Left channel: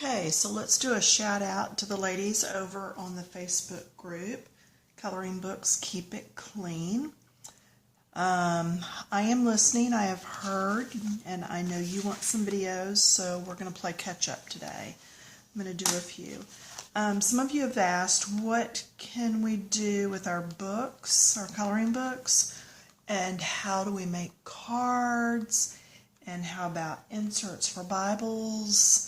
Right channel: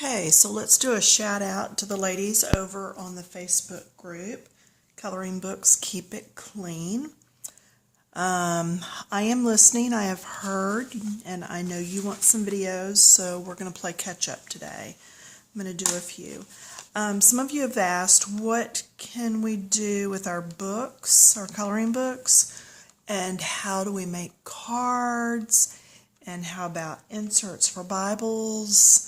Okay, so let's do a shout out to the ladies over on the Facebook group, Coloring Books Keep It Clean. I am listening, I have heard, and I know you want some videos, so we're going to play catch up today. I'm going to do a few. Some of you have asked, what can we do with our books, our coloring books, and how do we make cards, and how about inserts for Bibles,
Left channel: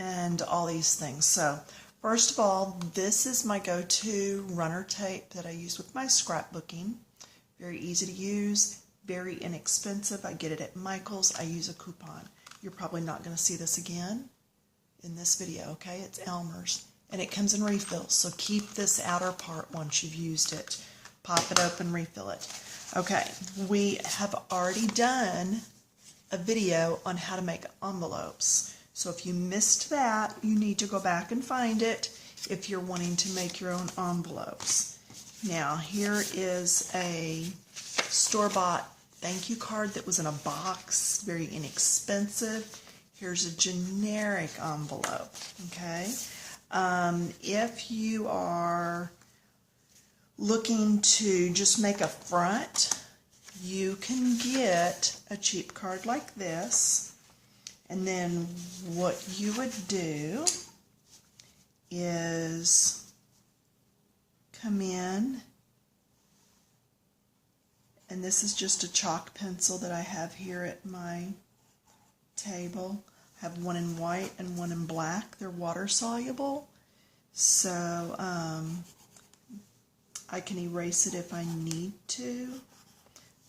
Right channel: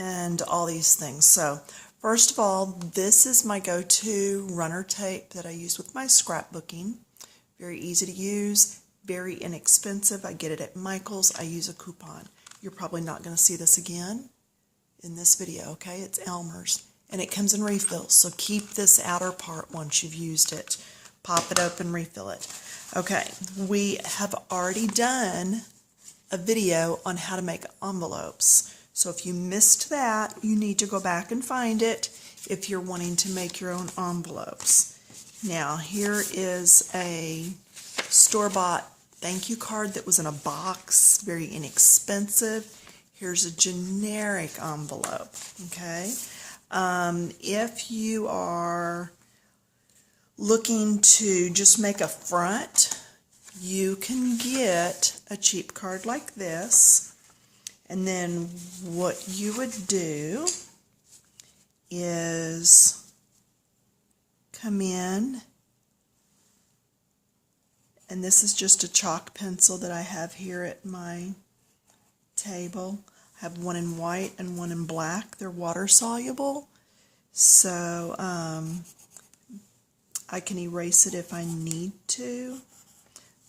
and all these things. So, first of all, this is my go-to runner tape that I use with my scrapbooking. Very easy to use, very inexpensive. I get it at Michael's. I use a coupon. You're probably not going to see this again in this video, okay? It's Elmer's, and it comes in refills, so keep this outer part once you've used it. Pop it open, refill it. Okay, we have already done a video on how to make envelopes. So if you missed that, you need to go back and find it if you're wanting to make your own envelopes. Now, here is a store-bought thank you card that was in a box, very inexpensive. Here's a generic envelope, okay? If you are looking to just make a front, you can get a cheap card like this. And then what you would do is come in, and this is just a chalk pencil that I have here at my table. I have one in white and one in black. They're water soluble, so I can erase it if I need to.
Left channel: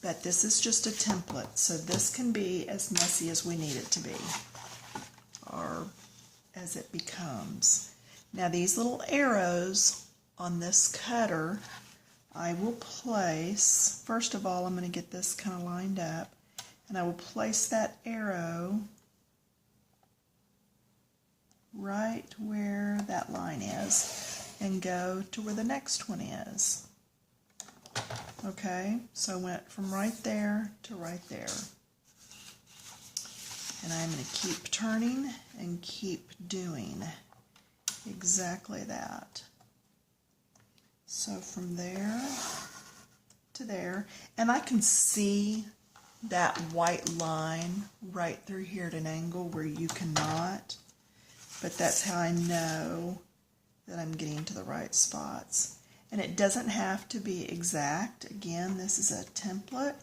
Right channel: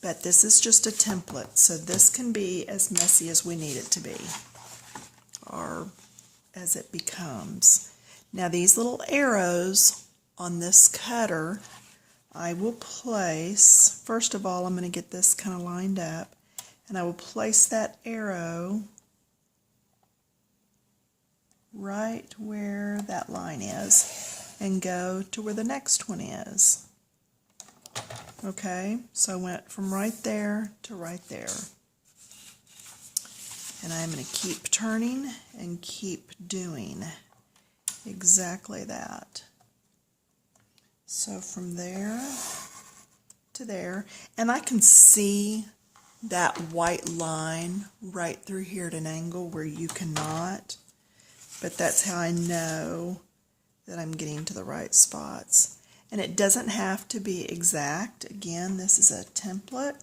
But this is just a template, so this can be as messy as we need it to be, or as it becomes. Now these little arrows on this cutter, I will place, first of all, I'm going to get this kind of lined up, and I will place that arrow right where that line is, and go to where the next one is. Okay, so I went from right there to right there. And I'm going to keep turning and keep doing exactly that. So from there to there, and I can see that white line right through here at an angle where you cannot, but that's how I know that I'm getting to the right spots. And it doesn't have to be exact. Again, this is a template.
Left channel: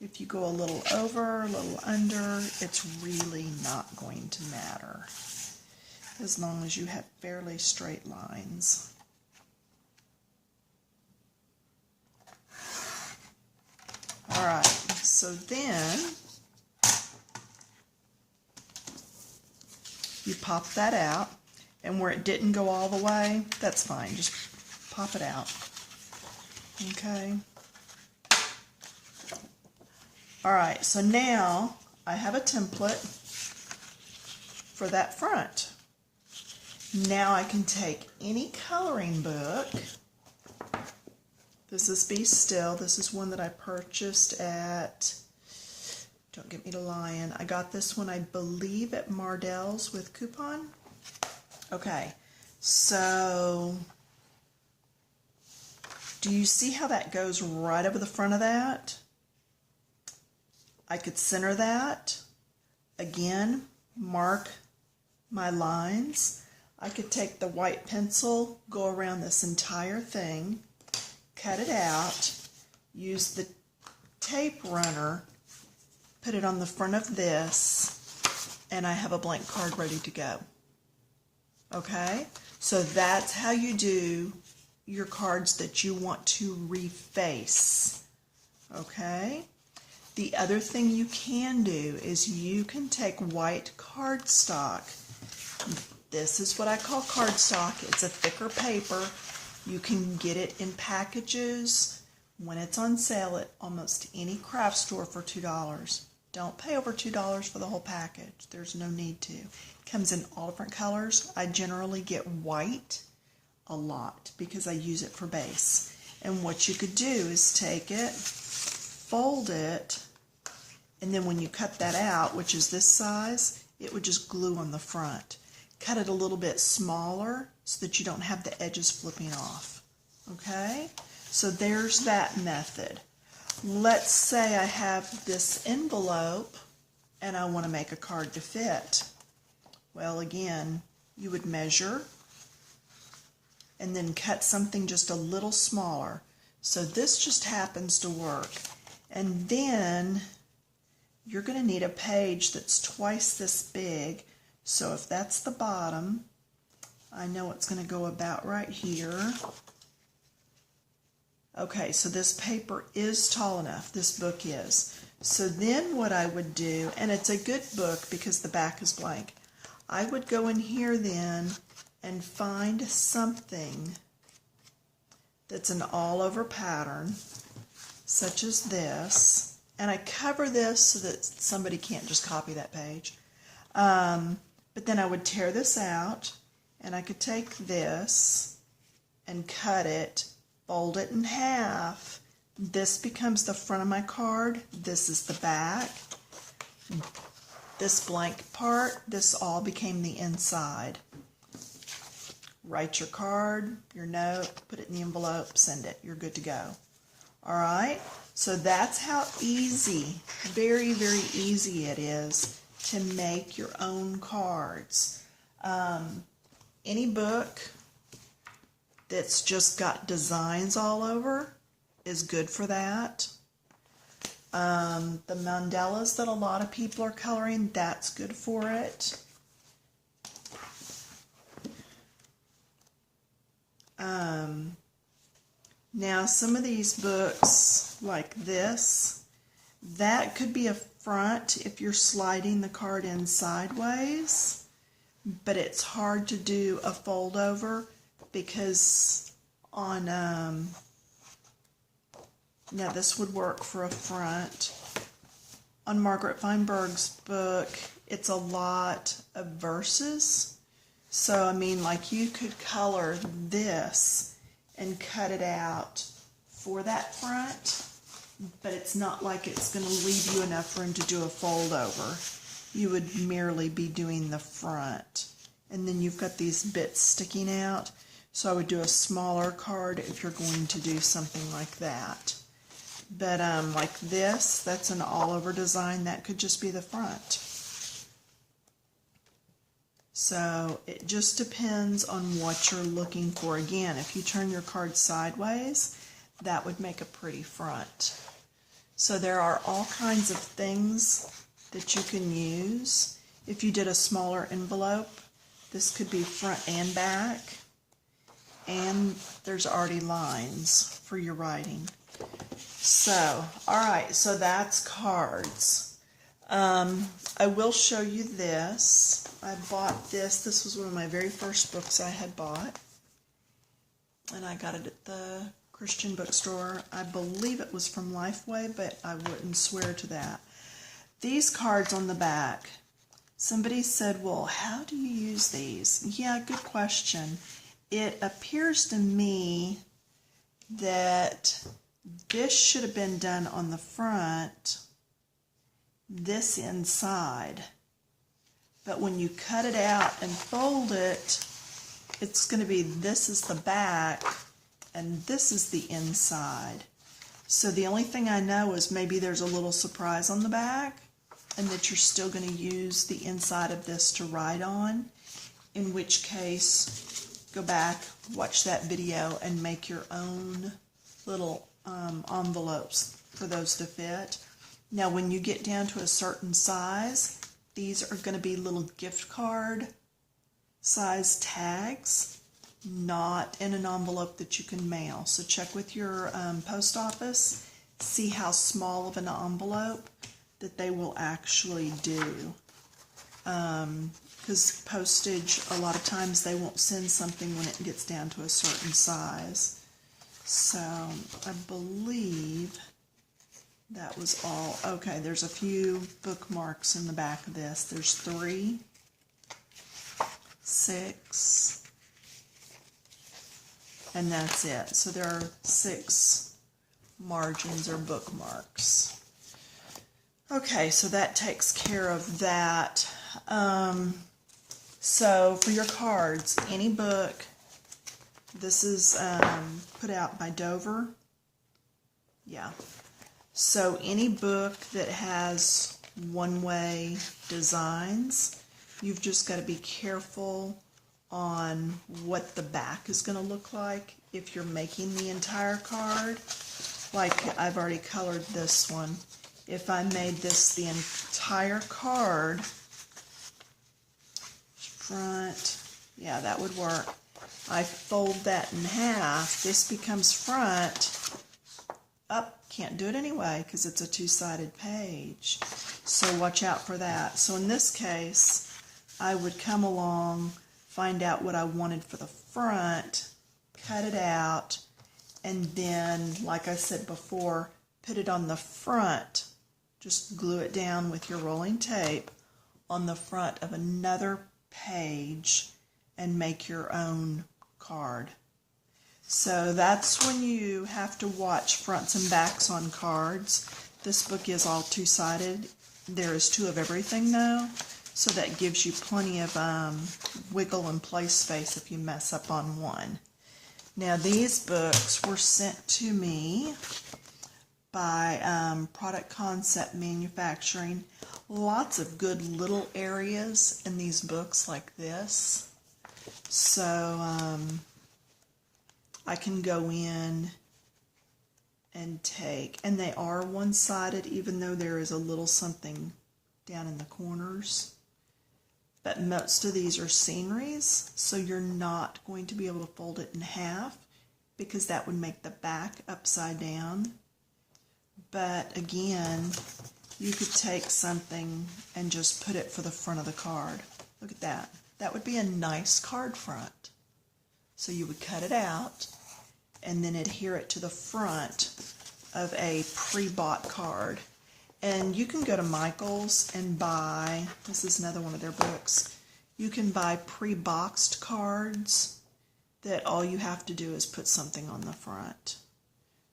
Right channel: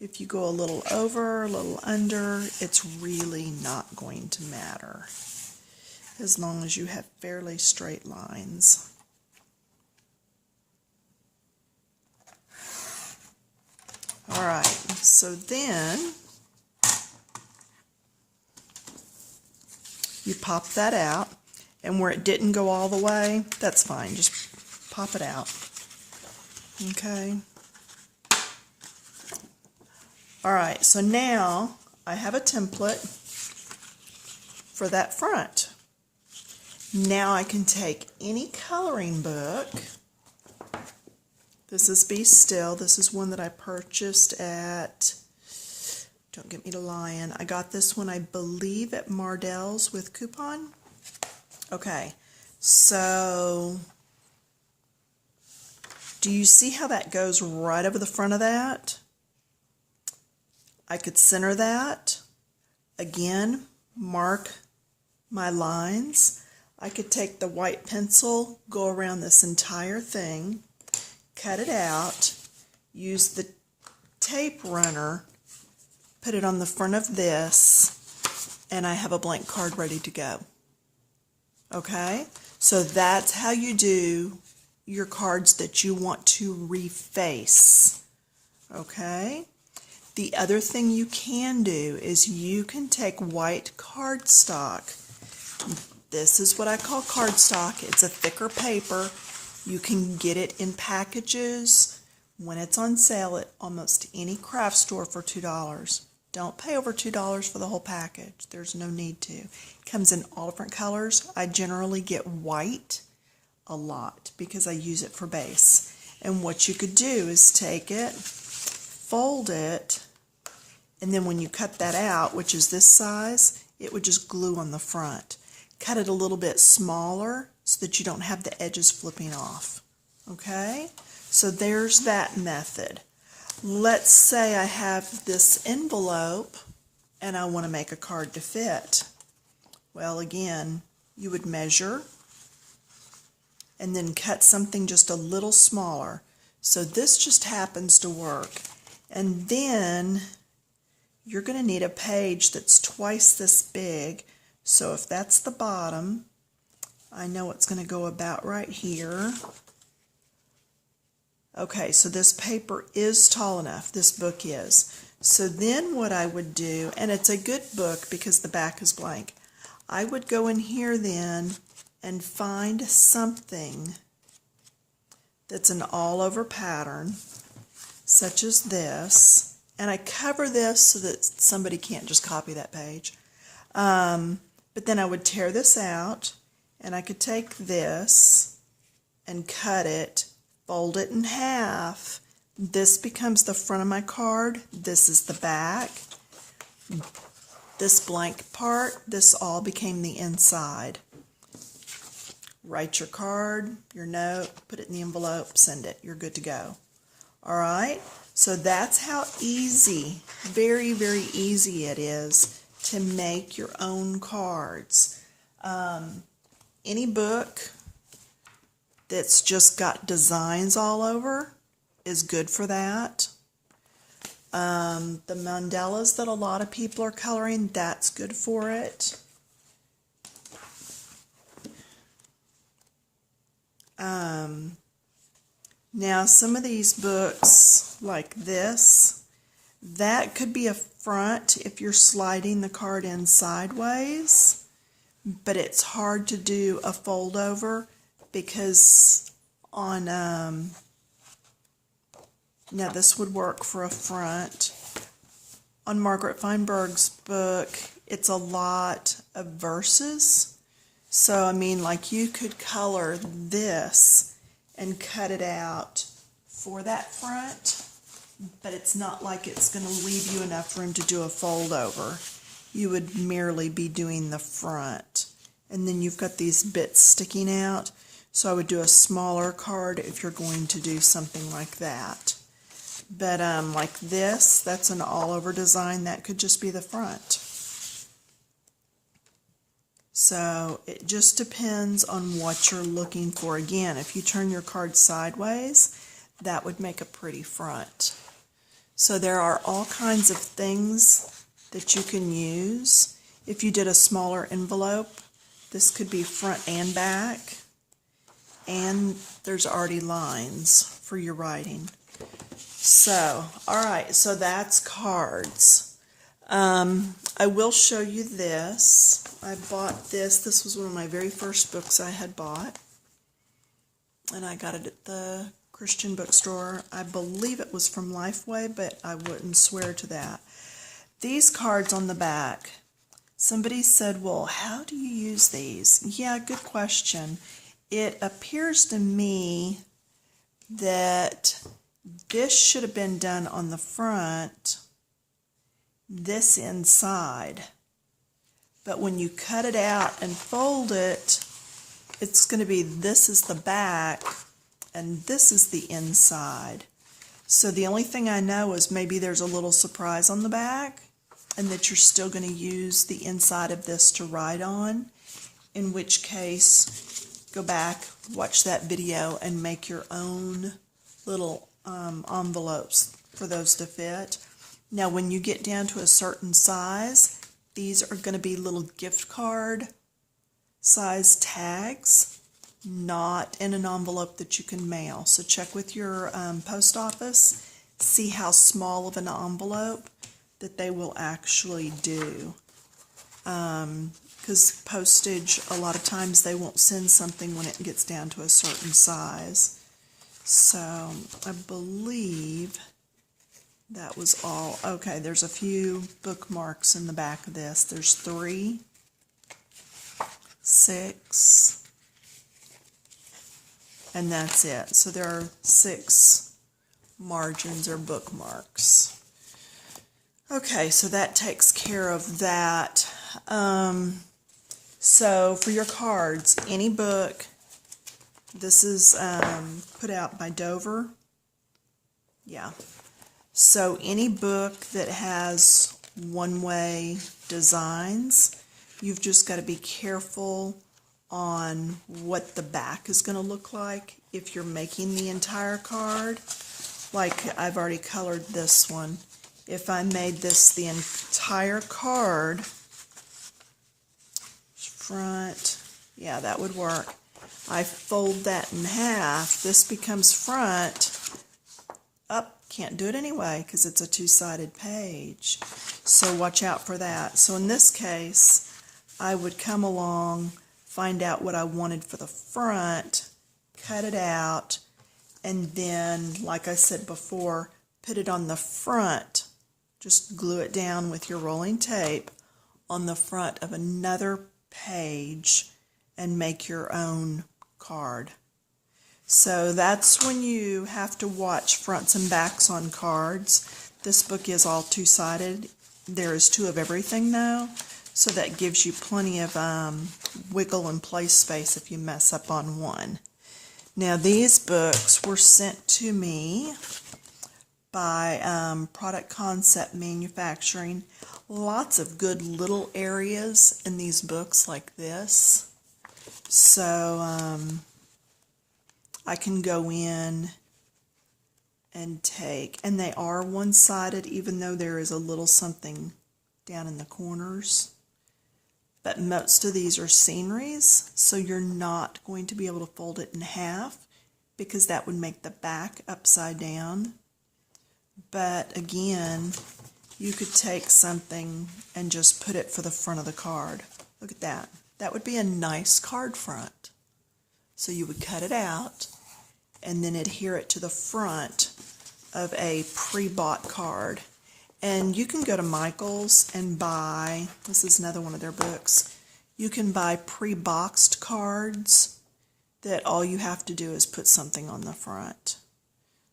If you go a little over, a little under, it's really not going to matter, as long as you have fairly straight lines. All right, so then you pop that out, and where it didn't go all the way, that's fine. Just pop it out. Okay. All right, so now I have a template for that front. Now I can take any coloring book. This is Be Still. This is one that I purchased at, don't get me to lying, I got this one, I believe, at Mardell's with coupon. Okay, so do you see how that goes right over the front of that? I could center that. Again, mark my lines. I could take the white pencil, go around this entire thing, cut it out, use the tape runner, put it on the front of this, and I have a blank card ready to go. Okay? So that's how you do your cards that you want to reface. Okay? The other thing you can do is you can take white cardstock. This is what I call cardstock. It's a thicker paper. You can get it in packages when it's on sale at almost any craft store for $2. Don't pay over $2 for the whole package. There's no need to. It comes in all different colors. I generally get white a lot because I use it for base. And what you could do is take it, fold it, and then when you cut that out, which is this size, it would just glue on the front. cut it a little bit smaller so that you don't have the edges flipping off. Okay, so there's that method. Let's say I have this envelope and I want to make a card to fit. Well, again, you would measure and then cut something just a little smaller. So this just happens to work. And then you're going to need a page that's twice this big. So if that's the bottom, I know it's going to go about right here. Okay, so this paper is tall enough. This book is. So then what I would do, and it's a good book because the back is blank, I would go in here then and find something that's an all-over pattern, such as this, and I cover this so that somebody can't just copy that page. But then I would tear this out, and I could take this and cut it, fold it in half. This becomes the front of my card. This is the back. This blank part, this all became the inside. Write your card, your note, put it in the envelope, send it. You're good to go. All right? So that's how easy, very, very easy it is to make your own cards. Any book that's just got designs all over is good for that. The mandalas that a lot of people are coloring, that's good for it. Now some of these books like this, that could be a front if you're sliding the card in sideways, but it's hard to do a fold over because on now this would work for a front. On Margaret Feinberg's book, it's a lot of verses. So, I mean, like you could color this and cut it out for that front, but it's not like it's going to leave you enough room to do a fold over. You would merely be doing the front. And then you've got these bits sticking out. So I would do a smaller card if you're going to do something like that. But like this, that's an all-over design. That could just be the front. So it just depends on what you're looking for. Again, if you turn your card sideways, that would make a pretty front. So there are all kinds of things that you can use. If you did a smaller envelope, this could be front and back. And there's already lines for your writing. So, all right, so that's cards. I will show you this. I bought this. This was one of my very first books I had bought. And I got it at the Christian bookstore. I believe it was from Lifeway, but I wouldn't swear to that. These cards on the back, somebody said, well, how do you use these? Yeah, good question. It appears to me that this should have been done on the front, this inside. But when you cut it out and fold it, it's going to be this is the back and this is the inside. So the only thing I know is maybe there's a little surprise on the back and that you're still going to use the inside of this to write on, in which case go back, watch that video, and make your own little envelopes for those to fit. Now when you get down to a certain size, these are going to be little gift card size tags, not in an envelope that you can mail. So check with your post office, see how small of an envelope that they will actually do. Because postage, a lot of times they won't send something when it gets down to a certain size. So I believe that was all. Okay, there's a few bookmarks in the back of this. There's 3, 6, and that's it. So there are 6 margins or bookmarks. Okay, so that takes care of that. So for your cards, any book, this is put out by Dover. Yeah. So any book that has one-way designs, you've just got to be careful on what the back is going to look like if you're making the entire card. Like I've already colored this one. If I made this the entire card, front, yeah, that would work. I fold that in half. This becomes front. Up, can't do it anyway because it's a two-sided page. So watch out for that. So in this case, I would come along, find out what I wanted for the front, cut it out, and then, like I said before, put it on the front. Just glue it down with your rolling tape on the front of another page and make your own card. So that's when you have to watch fronts and backs on cards. This book is all two-sided. There is two of everything though, so that gives you plenty of wiggle and play space if you mess up on one. Now these books were sent to me by Product Concept Manufacturing. Lots of good little areas in these books like this. So I can go in and take, and they are one-sided even though there is a little something down in the corners. But most of these are sceneries, so you're not going to be able to fold it in half because that would make the back upside down. But again, you could take something and just put it for the front of the card. Look at that. That would be a nice card front. So you would cut it out and then adhere it to the front of a pre-bought card. And you can go to Michael's and buy, this is another one of their books, you can buy pre-boxed cards that all you have to do is put something on the front.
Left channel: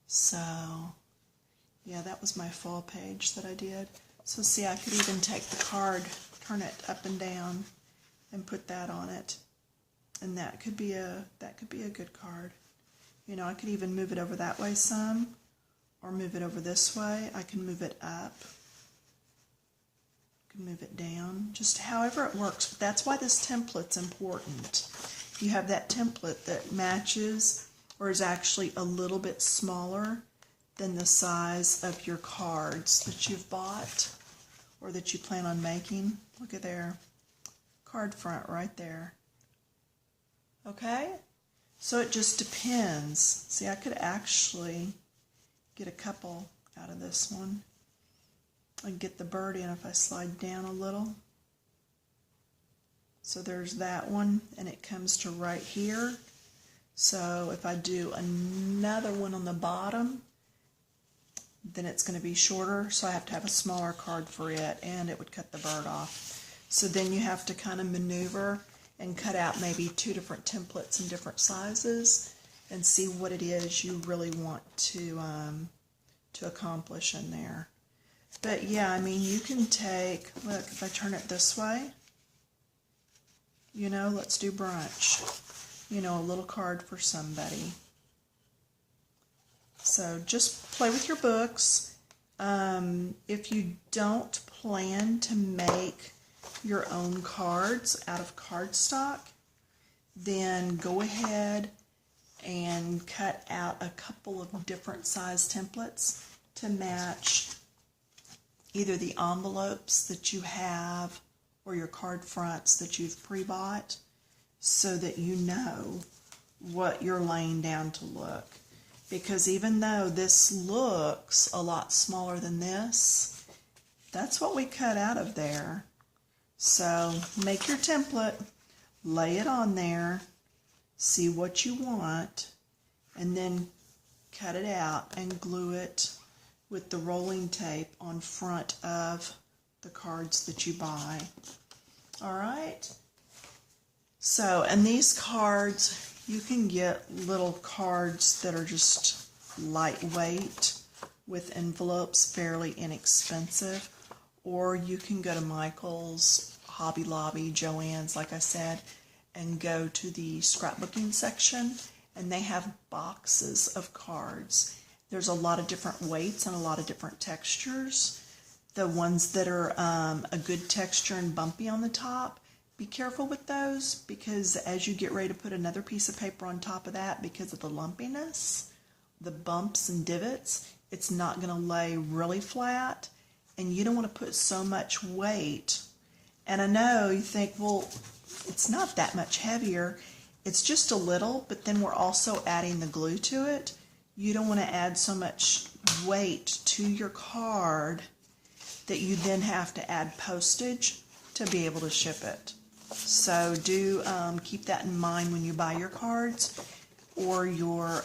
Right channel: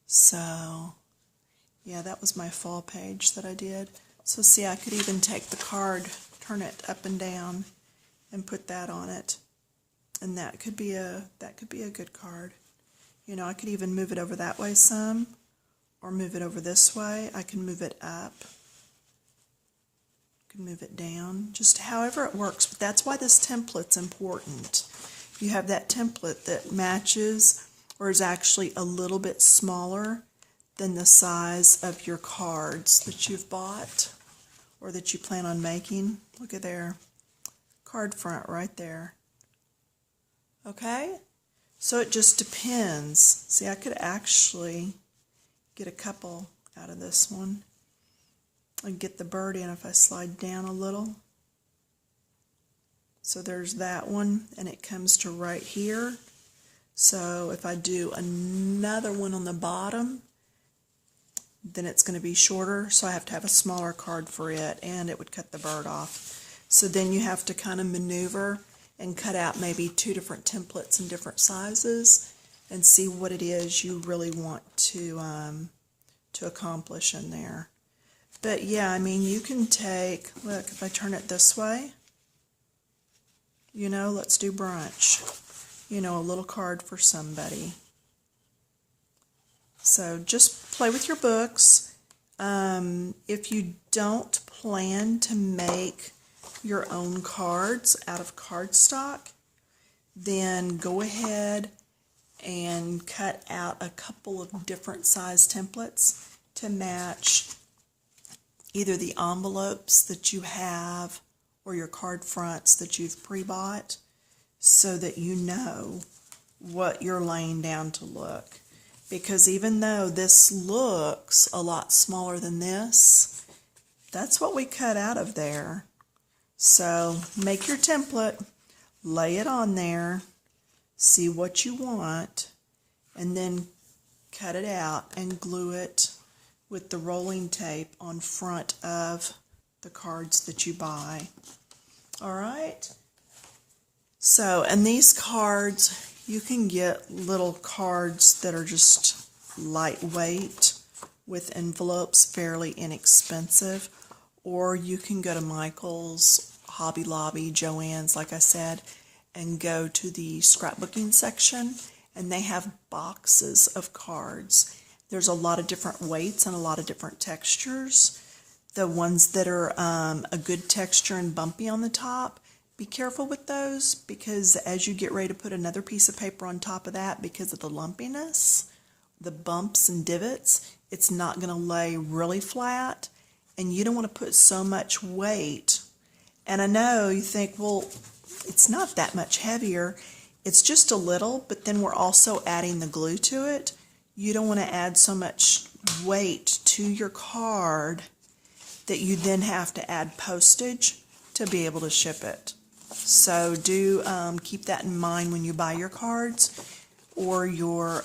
So, yeah, that was my fall page that I did. So see, I could even take the card, turn it up and down, and put that on it. And that could be a good card. You know, I could even move it over that way some, or move it over this way. I can move it up. I can move it down. Just however it works. But that's why this template's important. You have that template that matches or is actually a little bit smaller than the size of your cards that you've bought or that you plan on making. Look at there. Card front right there. Okay? So it just depends. See, I could actually get a couple out of this one and get the bird in if I slide down a little. So there's that one, and it comes to right here. So if I do another one on the bottom, then it's going to be shorter, so I have to have a smaller card for it, and it would cut the bird off. So then you have to kind of maneuver and cut out maybe two different templates in different sizes and see what it is you really want to accomplish in there. But yeah, I mean, you can take, look, if I turn it this way, you know, let's do brunch. You know, a little card for somebody. So just play with your books. If you don't plan to make your own cards out of cardstock, then go ahead and cut out a couple of different size templates to match either the envelopes that you have or your card fronts that you've pre-bought, so that you know what you're laying down to look. Because even though this looks a lot smaller than this, that's what we cut out of there. So make your template, lay it on there, see what you want, and then cut it out and glue it with the rolling tape on front of the cards that you buy. All right? So, and these cards, you can get little cards that are just lightweight with envelopes, fairly inexpensive, or you can go to Michael's, Hobby Lobby, Joann's, like I said, and go to the scrapbooking section, and they have boxes of cards. There's a lot of different weights and a lot of different textures. The ones that are a good texture and bumpy on the top, be careful with those, because as you get ready to put another piece of paper on top of that, because of the lumpiness, the bumps and divots, it's not going to lay really flat, and you don't want to put so much weight. And I know you think, well, it's not that much heavier. It's just a little, but then we're also adding the glue to it. You don't want to add so much weight to your card that you then have to add postage to be able to ship it. So do keep that in mind when you buy your cards or you're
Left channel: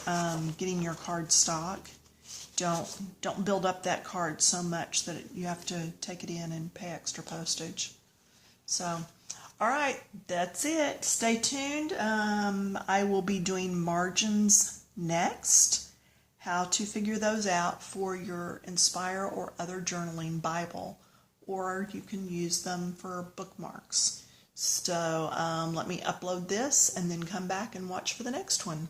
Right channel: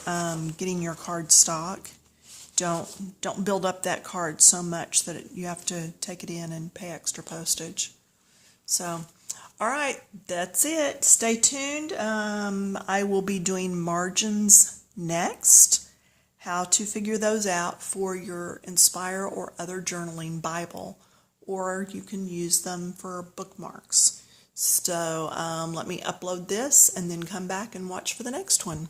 getting your card stock. Don't build up that card so much that you have to take it in and pay extra postage. So, all right, that's it. Stay tuned. I will be doing margins next, how to figure those out for your Inspire or other journaling Bible, or you can use them for bookmarks. So let me upload this and then come back and watch for the next one.